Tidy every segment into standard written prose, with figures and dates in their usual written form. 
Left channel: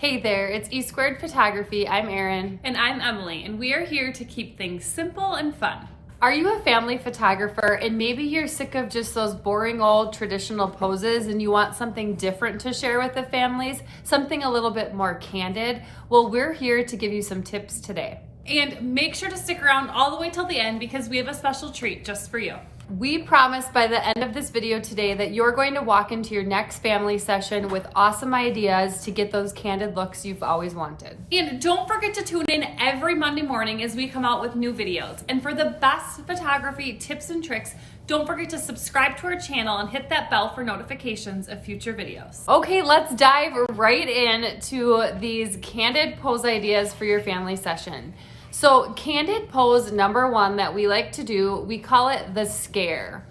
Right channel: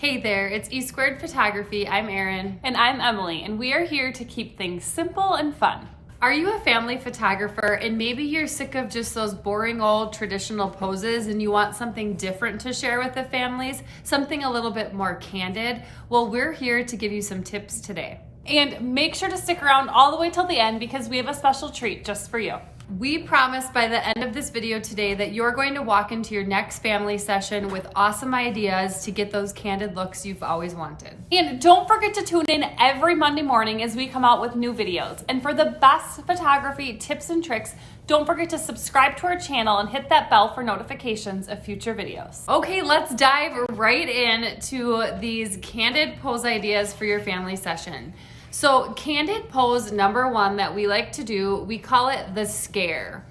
Hey there, it's E Squared Photography. I'm Erin. And I'm Emily, and we are here to keep things simple and fun. Are you a family photographer and maybe you're sick of just those boring old traditional poses and you want something different to share with the families, something a little bit more candid? Well, we're here to give you some tips today. And make sure to stick around all the way till the end because we have a special treat just for you. We promise by the end of this video today that you're going to walk into your next family session with awesome ideas to get those candid looks you've always wanted. And don't forget to tune in every Monday morning as we come out with new videos. And for the best photography tips and tricks, don't forget to subscribe to our channel and hit that bell for notifications of future videos. Okay, let's dive right into these candid pose ideas for your family session. So candid pose number one that we like to do, we call it the scare.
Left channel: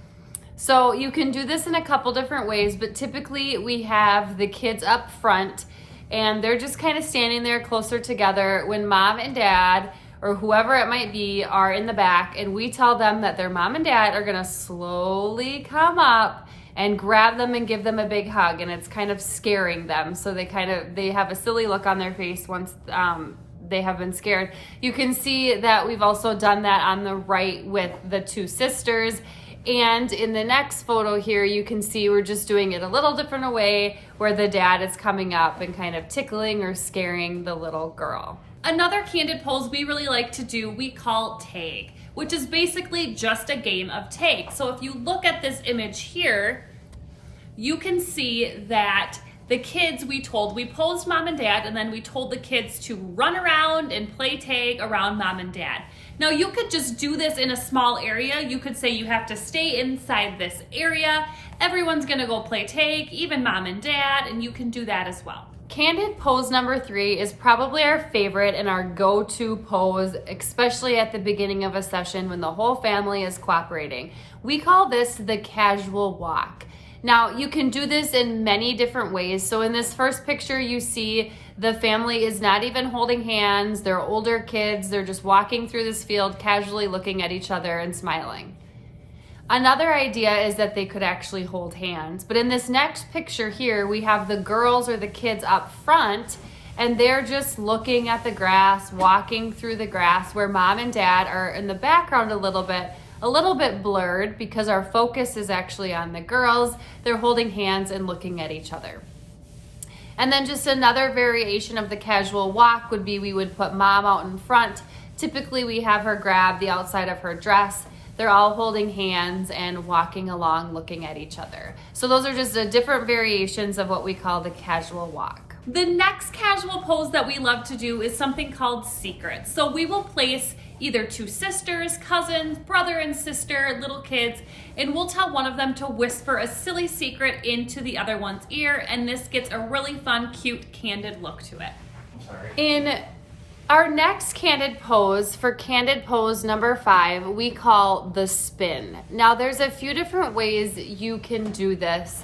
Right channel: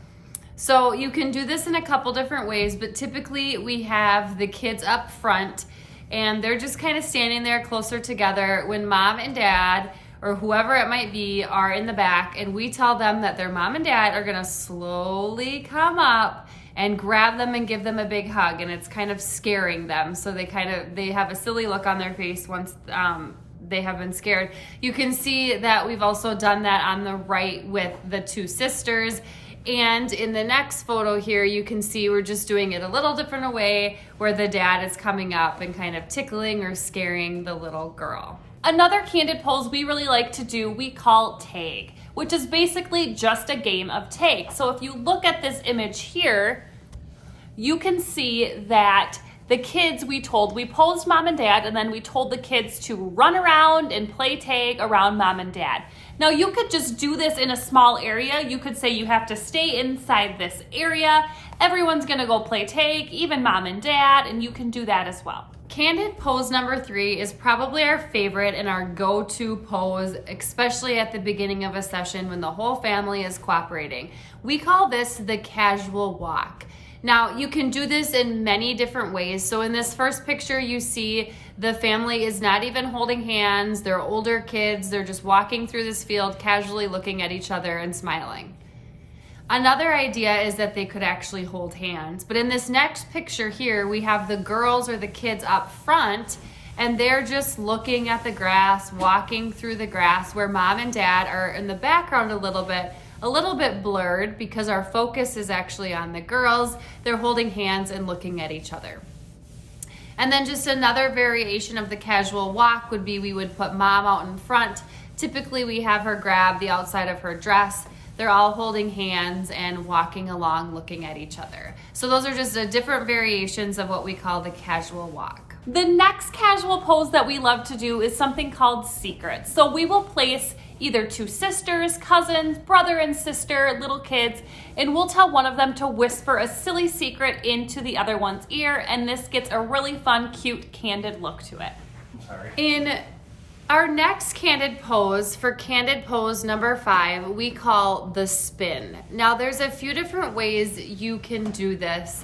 So you can do this in a couple different ways, but typically we have the kids up front and they're just kind of standing there closer together when mom and dad or whoever it might be are in the back, and we tell them that their mom and dad are gonna slowly come up and grab them and give them a big hug, and it's kind of scaring them. So they have a silly look on their face once they have been scared. You can see that we've also done that on the right with the two sisters. And in the next photo here, you can see we're just doing it a little different way where the dad is coming up and kind of tickling or scaring the little girl. Another candid pose we really like to do, we call tag, which is basically just a game of tag. So if you look at this image here, you can see that the kids, we posed mom and dad, and then we told the kids to run around and play tag around mom and dad. Now you could just do this in a small area. You could say you have to stay inside this area. Everyone's gonna go play tag, even mom and dad, and you can do that as well. Candid pose number 3 is probably our favorite and our go-to pose, especially at the beginning of a session when the whole family is cooperating. We call this the casual walk. Now, you can do this in many different ways. So in this first picture, you see the family is not even holding hands. They're older kids. They're just walking through this field, casually looking at each other and smiling. Another idea is that they could actually hold hands. But in this next picture here, we have the girls or the kids up front, and they're just looking at the grass, walking through the grass, where mom and dad are in the background a little bit blurred because our focus is actually on the girls. They're holding hands and looking at each other. And then just another variation of the casual walk would be we would put mom out in front. Typically we have her grab the outside of her dress. They're all holding hands and walking along looking at each other. So those are just different variations of what we call the casual walk. The next casual pose that we love to do is something called secrets. So we will place either two sisters, cousins, brother and sister, little kids, and we'll tell one of them to whisper a silly secret into the other one's ear, and this gets a really fun, cute, candid look to it. In our next candid pose, for candid pose number 5, we call the spin. Now there's a few different ways you can do this.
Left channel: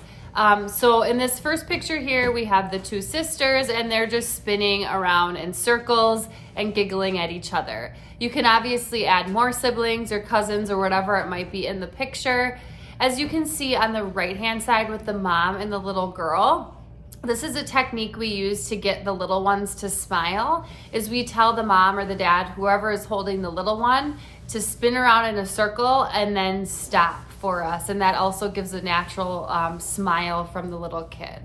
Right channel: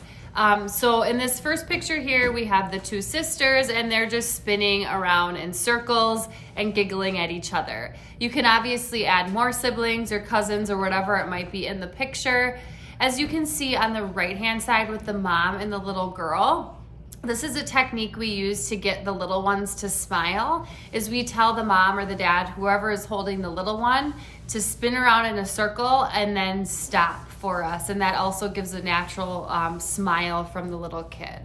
So in this first picture here, we have the two sisters and they're just spinning around in circles and giggling at each other. You can obviously add more siblings or cousins or whatever it might be in the picture. As you can see on the right-hand side with the mom and the little girl, this is a technique we use to get the little ones to smile, is we tell the mom or the dad, whoever is holding the little one, to spin around in a circle and then stop for us, and that also gives a natural smile from the little kid.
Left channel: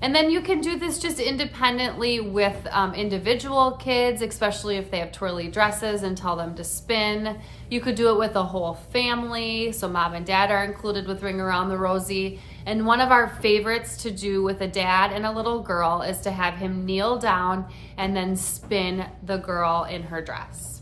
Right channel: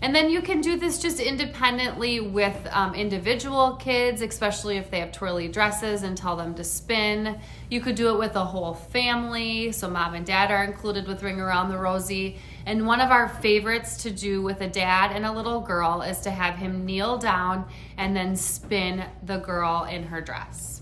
And then you can do this just independently with individual kids, especially if they have twirly dresses, and tell them to spin. You could do it with a whole family, so mom and dad are included with Ring Around the Rosie. And one of our favorites to do with a dad and a little girl is to have him kneel down and then spin the girl in her dress.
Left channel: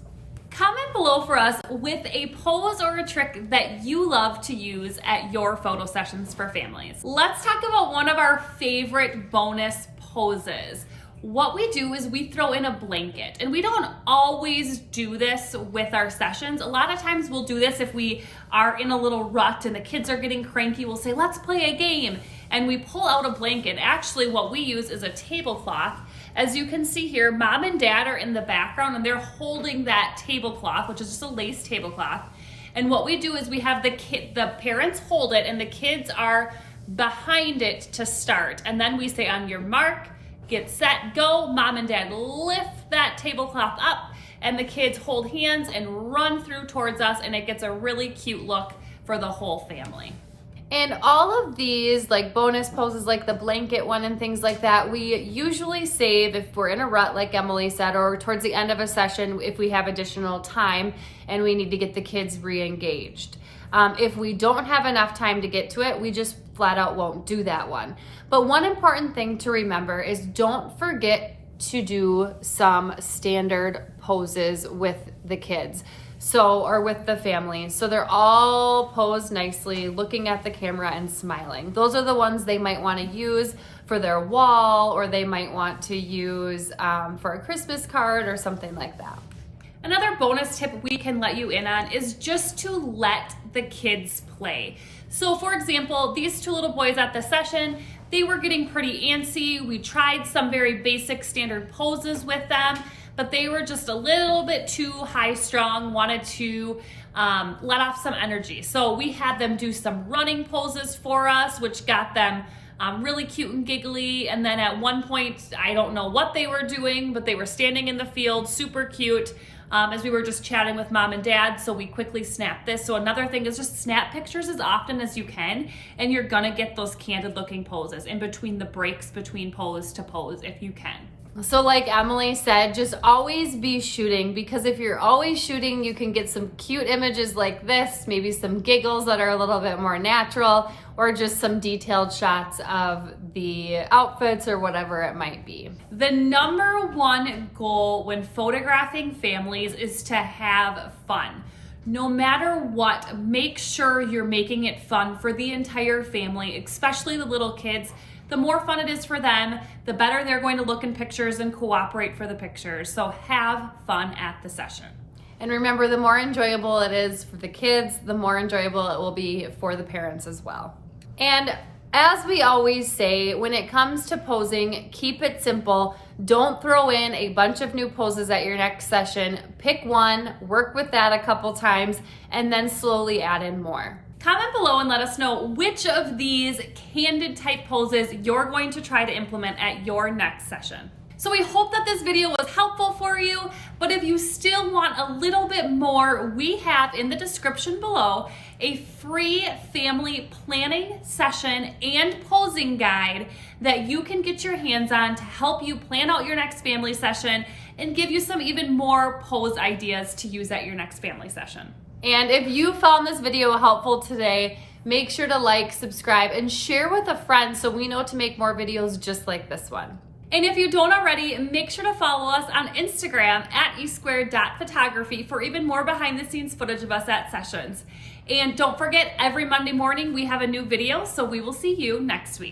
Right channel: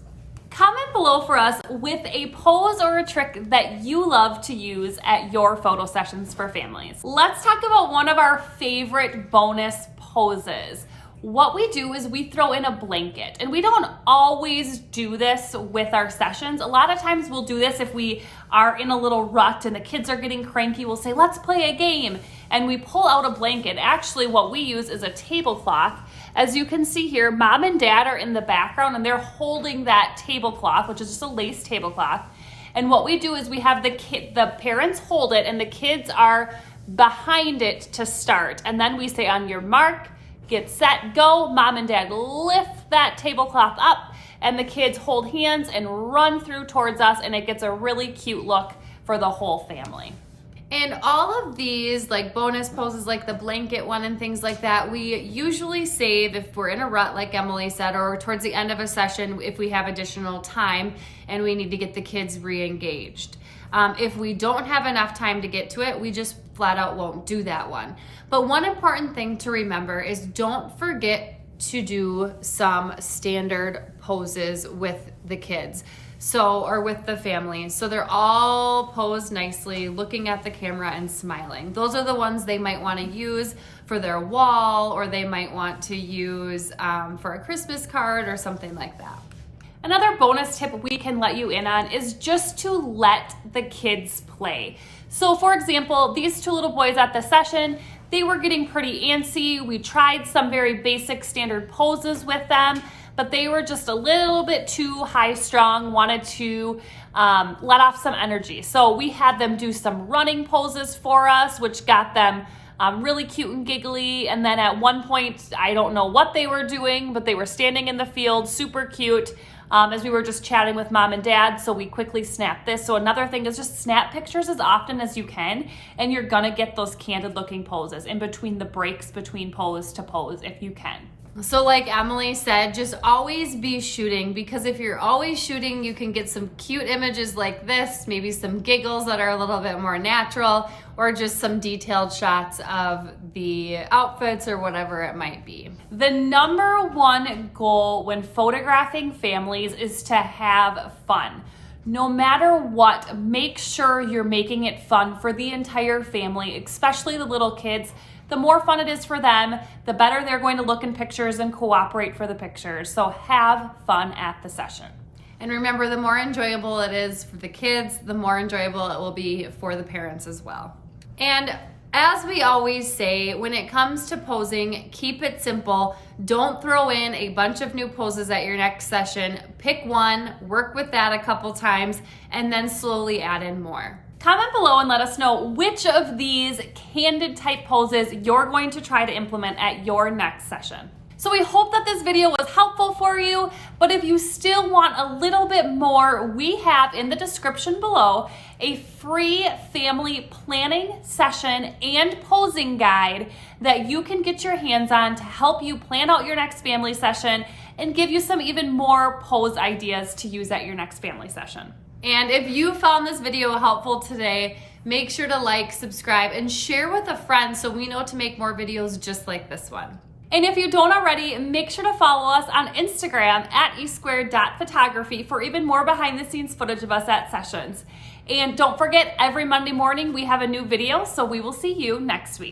Comment below for us with a pose or a trick that you love to use at your photo sessions for families. Let's talk about one of our favorite bonus poses. What we do is we throw in a blanket, and we don't always do this with our sessions. A lot of times we'll do this if we are in a little rut and the kids are getting cranky. We'll say, let's play a game, and we pull out a blanket. Actually, what we use is a tablecloth. As you can see here, mom and dad are in the background and they're holding that tablecloth, which is just a lace tablecloth. And what we do is we have the parents hold it and the kids are behind it to start. And then we say, on your mark, get set, go. Mom and dad lift that tablecloth up and the kids hold hands and run through towards us, and it gets a really cute look for the whole family. And all of these like bonus poses like the blanket one and things like that, we usually save if we're in a rut, like Emily said, or towards the end of a session if we have additional time and we need to get the kids re-engaged. If we don't have enough time to get to it, we just flat out won't do that one. But one important thing to remember is don't forget to do some standard poses with the kids. Or with the family. So they're all posed nicely, looking at the camera and smiling. Those are the ones they might want to use for their wall, or they might want to use for a Christmas card or something like that. Another bonus tip we can let you in on is just to let the kids play. So for example, these two little boys at the session, they were getting pretty antsy. We tried some very basic standard poses with them, but they were just a little bit too high strung, wanted to let off some energy. So we had them do some running poses for us, which got them really cute and giggly. And then at one point, I don't know what they were doing, but they were standing in the field, super cute, as we were just chatting with mom and dad. So we quickly snapped this. So another thing is just snap pictures as often as you can, and you're gonna get those candid looking poses in between the breaks between pose to pose if you can. So like Emily said, just always be shooting, because if you're always shooting, you can get some cute images like this, maybe some giggles that are a little bit more natural, or just some detailed shots of the outfits or whatever it might be. The number one goal when photographing families is to have fun. No matter what, make sure you're making it fun for the entire family, especially the little kids. The more fun it is for them, the better they're going to look in pictures and cooperate for the pictures. So have fun at the session. And remember, the more enjoyable it is for the kids, the more enjoyable it will be for the parents as well. And as we always say, when it comes to posing, keep it simple. Don't throw in a bunch of new poses at your next session. Pick one, work with that a couple times, and then slowly add in more. Comment below and let us know which of these candid type poses you're going to try to implement at your next session. So we hope that this video was helpful for you, but if you still want a little bit more, we have in the description below a free family planning session and posing guide that you can get your hands on to help you plan out your next family session and give you some even more pose ideas to use at your next family session. And if you found this video helpful today, make sure to like, subscribe, and share with a friend so we know to make more videos just like this one. And if you don't already, make sure to follow us on Instagram at e2photography for even more behind the scenes footage of us at sessions. And don't forget, every Monday morning we have a new video, so we will see you next week.